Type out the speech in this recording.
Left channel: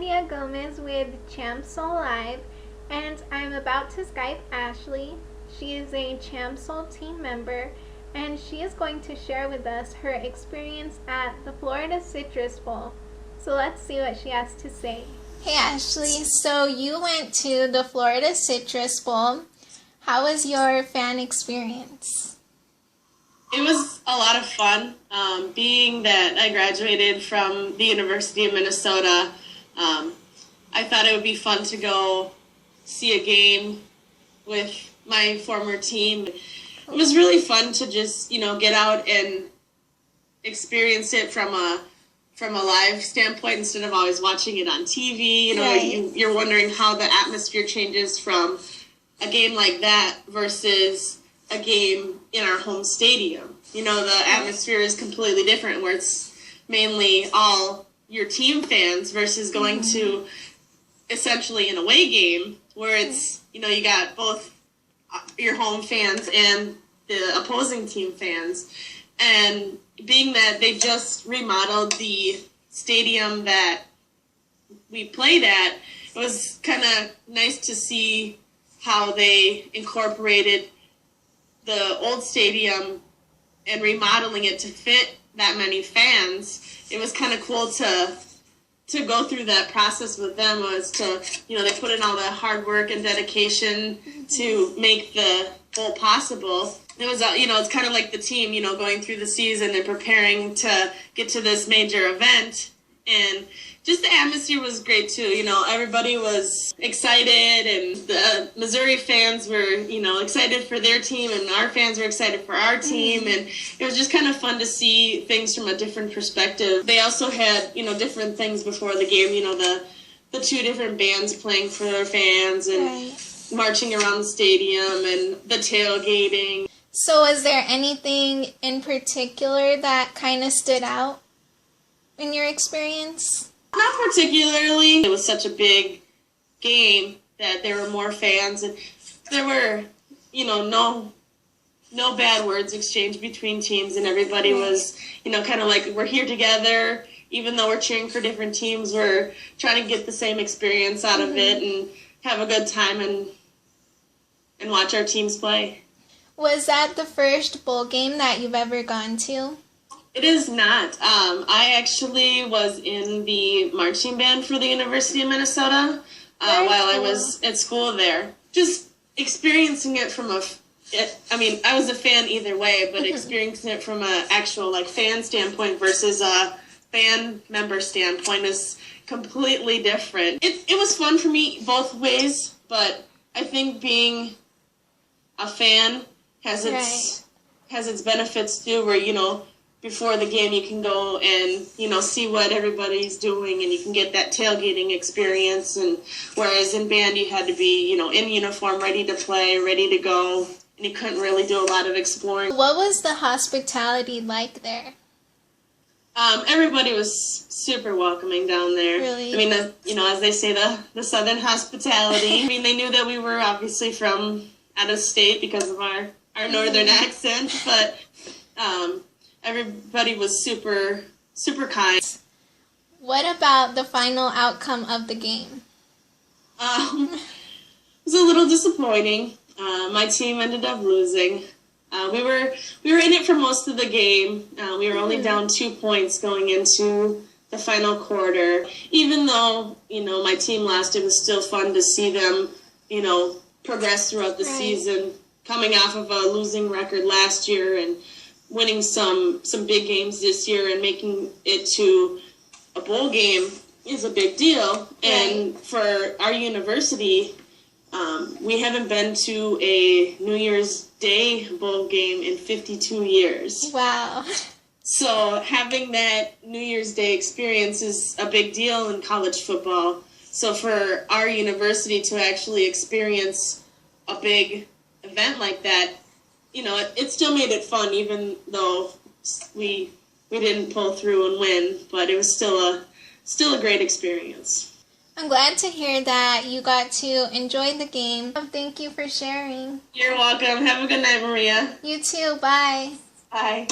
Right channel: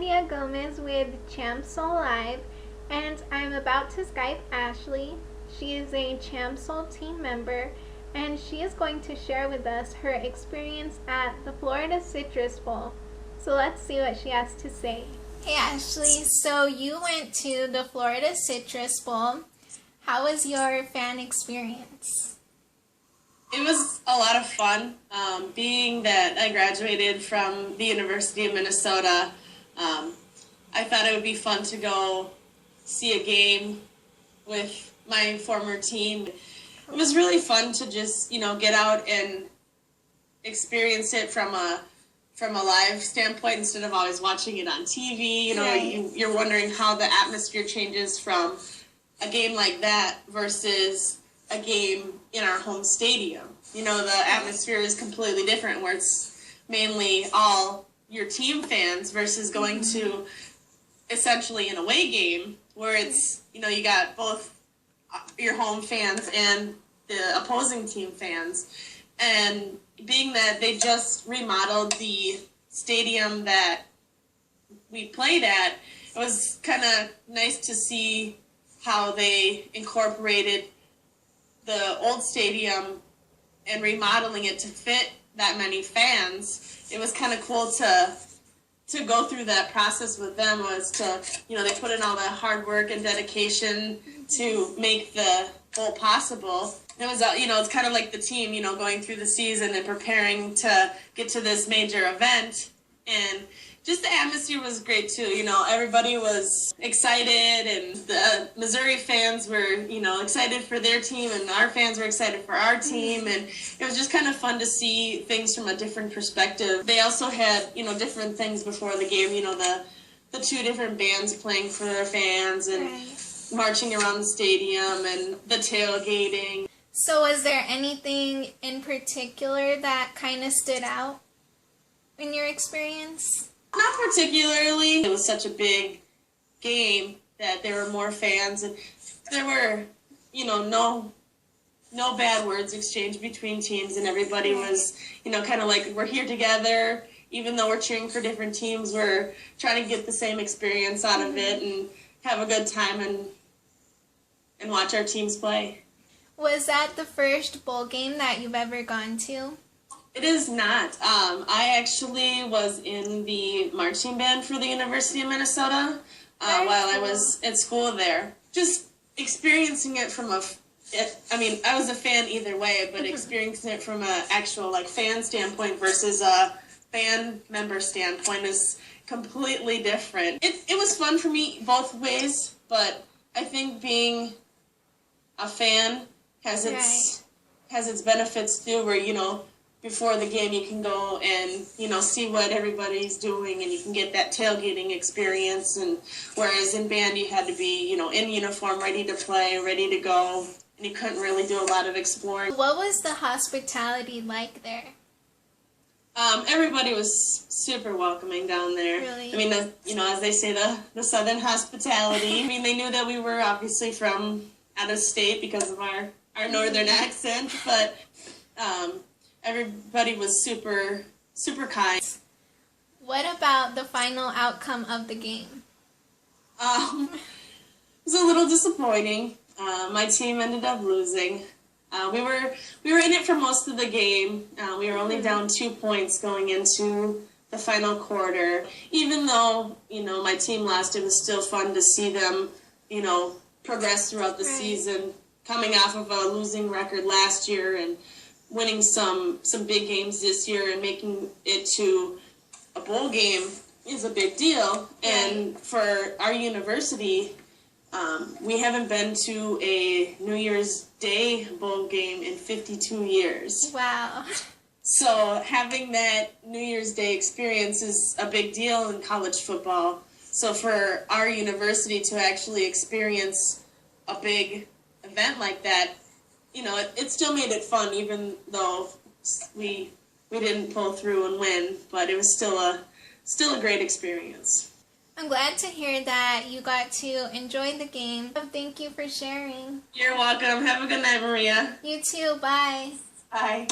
Maria Gomez with ChampSoLIVE, and I'm about to Skype Ashley. She is a ChampSol team member, and she is going to share with us her experience at the Florida Citrus Bowl. So let's see what she has to say. Hey Ashley, so you went to the Florida Citrus Bowl. How was your fan experience? It was a lot of fun. Being that I graduated from the University of Minnesota, I thought it would be fun to go see a game with my former team. It was really fun to just, get out and experience it from a live standpoint instead of always watching it on TV. Right. You're wondering how the atmosphere changes from a game like that versus a game in our home stadium. The atmosphere is completely different where it's mainly all your team fans versus going to essentially an away game where it's, you got both your home fans and the opposing team fans. And being that they just remodeled the stadium that we played at, it was kind of nice to see how they incorporated the old stadium and remodeling it to fit that many fans. It was kind of cool to go through that process with them. Was to, they put in all the hard work and dedication to make the bowl possible. It was, it's kind of like the team, going through the season and preparing to get to this major event. And just the atmosphere was great too. Everybody was excited, and the Missouri fans were, excited for their team, and our fans were excited for our team. And it was just kind of fun to see things from a different perspective. They also had, different things before the game, the two different bands playing for their fans and marching around the stadium and the tailgating. So was there anything in particular that kind of stood out in your experience? Not particularly. It was such a big game that there were more fans, and there were, no bad words exchanged between teams, and everybody was, kind of like, we're here together. Even though we're cheering for different teams, we're trying to get the same experience out of it and have a good time and watch our teams play. Was that the first bowl game that you've ever gone to? It is not. I actually was in the marching band for the University of Minnesota while I was at school there. Just experiencing it from I was a fan either way, but experiencing it from an actual fan standpoint versus a band member standpoint is completely different. It was fun for me both ways, but I think being a fan has its benefits too, where before the game you can go and see what everybody's doing, and you can get that tailgating experience. And whereas in band you had to be in uniform, ready to play, ready to go, and you couldn't really do a lot of exploring. What was the hospitality like there? Everybody was super welcoming down there. Really? As they say, the Southern hospitality. They knew that we were obviously from out of state because of our northern accent, but everybody was super, super kind. What about the final outcome of the game? It was a little disappointing. My team ended up losing. We were in it for most of the game. We were only down 2 points going into the final quarter. Even though, my team lost, it was still fun to see them, progress throughout the season, coming off of a losing record last year and winning some big games this year and making it to a bowl game is a big deal. And for our university, we haven't been to a New Year's Day bowl game in 52 years. Wow. So having that New Year's Day experience is a big deal in college football. So for our university to actually experience a big event like that, it still made it fun, even though we didn't pull through and win, but it was still a great experience. I'm glad to hear that you got to enjoy the game. Thank you for sharing. You're welcome. Have a good night, Maria. You too. Bye. Bye.